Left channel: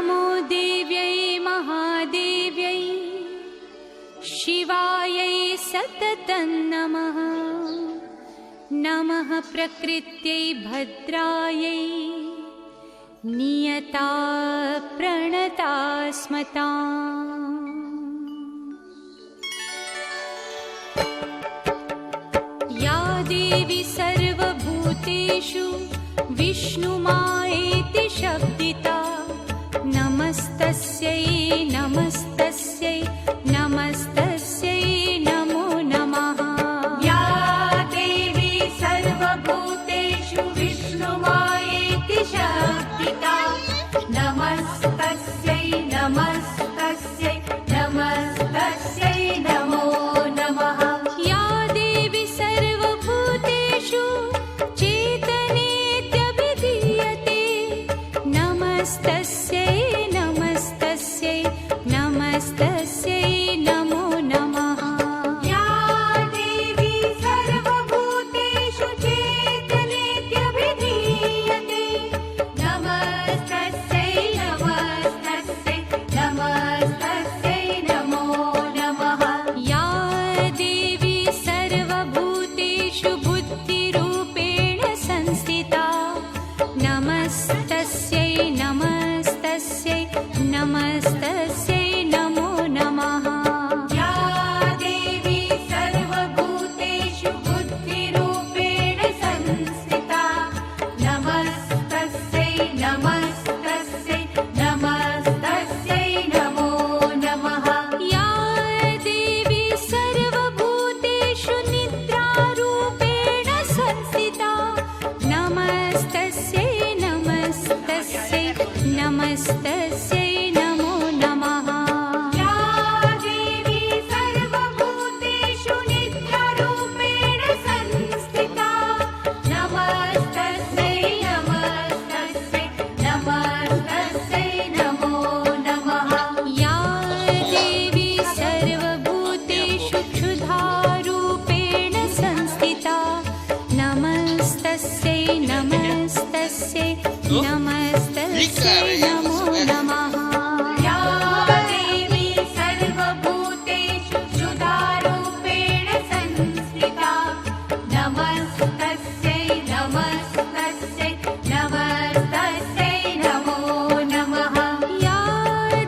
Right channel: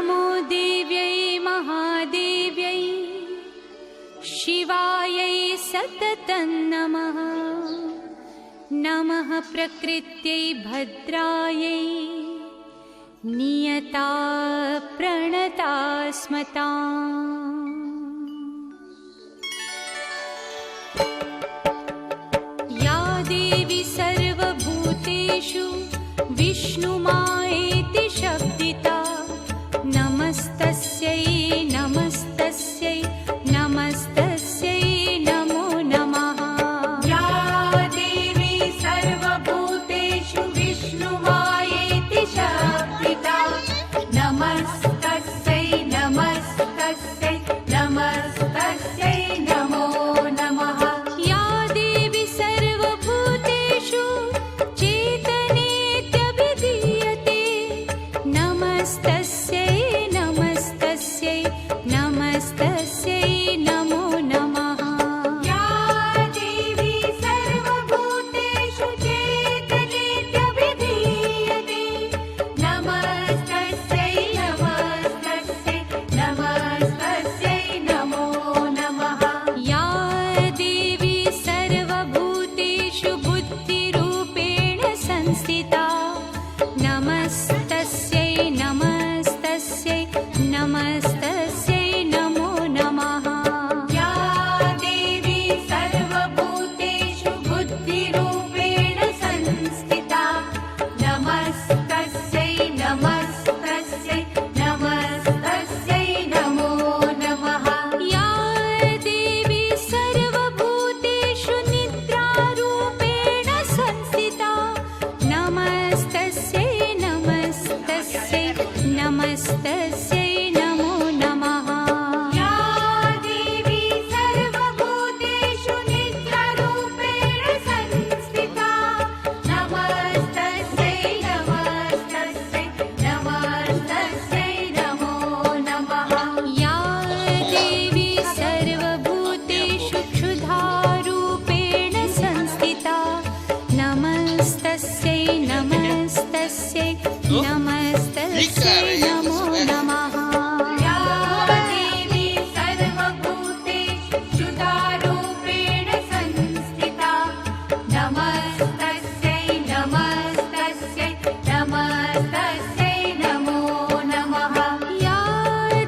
नमो देव्यै महादेव्यै शिवायै सततं नमः। नमः प्रकृत्यै भद्रायै नियता प्रणता स्मताम्। या देवी सर्वभूतेषु विष्णुमायेति शब्दिता नमस्तस्यै नमस्तस्यै नमस्तस्यै नमो नमः। या देवी सर्वभूतेषु विष्णुमायेति शब्दिता नमस्तस्यै नमस्तस्यै नमस्तस्यै नमो नमः। या देवी सर्वभूतेषु चेतनेत्यभिधीयते नमस्तस्यै नमस्तस्यै नमस्तस्यै नमो नमः। या देवी सर्वभूतेषु चेतनेत्यभिधीयते नमस्तस्यै नमस्तस्यै नमस्तस्यै नमो नमः। या देवी सर्वभूतेषु बुद्धिरूपेण संस्थिता नमस्तस्यै नमस्तस्यै नमस्तस्यै नमो नमः। या देवी सर्वभूतेषु बुद्धिरूपेण संस्थिता नमस्तस्यै नमस्तस्यै नमस्तस्यै नमो नमः। या देवी सर्वभूतेषु निद्रारूपेण संस्थिता नमस्तस्यै नमस्तस्यै नमस्तस्यै नमो नमः। या देवी सर्वभूतेषु निद्रारूपेण संस्थिता नमस्तस्यै नमस्तस्यै नमस्तस्यै नमो नमः। या देवी सर्वभूतेषु क्षुधारूपेण संस्थिता नमस्तस्यै नमस्तस्यै नमस्तस्यै नमो नमः। या देवी सर्वभूतेषु क्षुधारूपेण संस्थिता नमस्तस्यै नमस्तस्यै नमस्तस्यै नमो नमः। या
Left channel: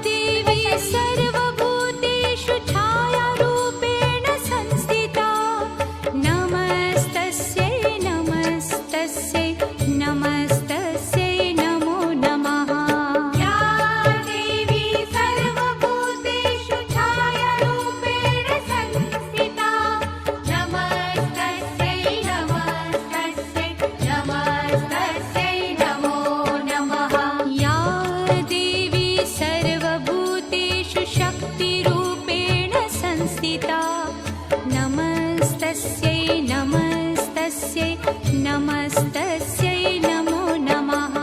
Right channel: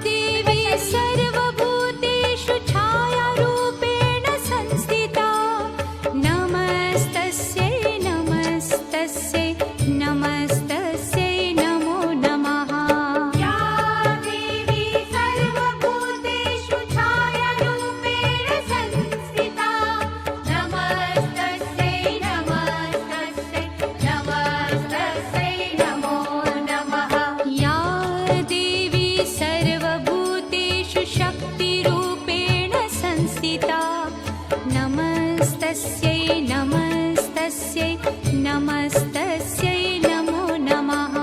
देवी सर्वभूतेषु छायारूपेण संस्थिता नमस्तस्यै नमस्तस्यै नमस्तस्यै नमो नमः। या देवी सर्वभूतेषु छायारूपेण संस्थिता नमस्तस्यै नमस्तस्यै नमस्तस्यै नमो नमः। या देवी सर्वभूतेषु शक्तिरूपेण संस्थिता नमस्तस्यै नमस्तस्यै नमस्तस्यै नमो नमः।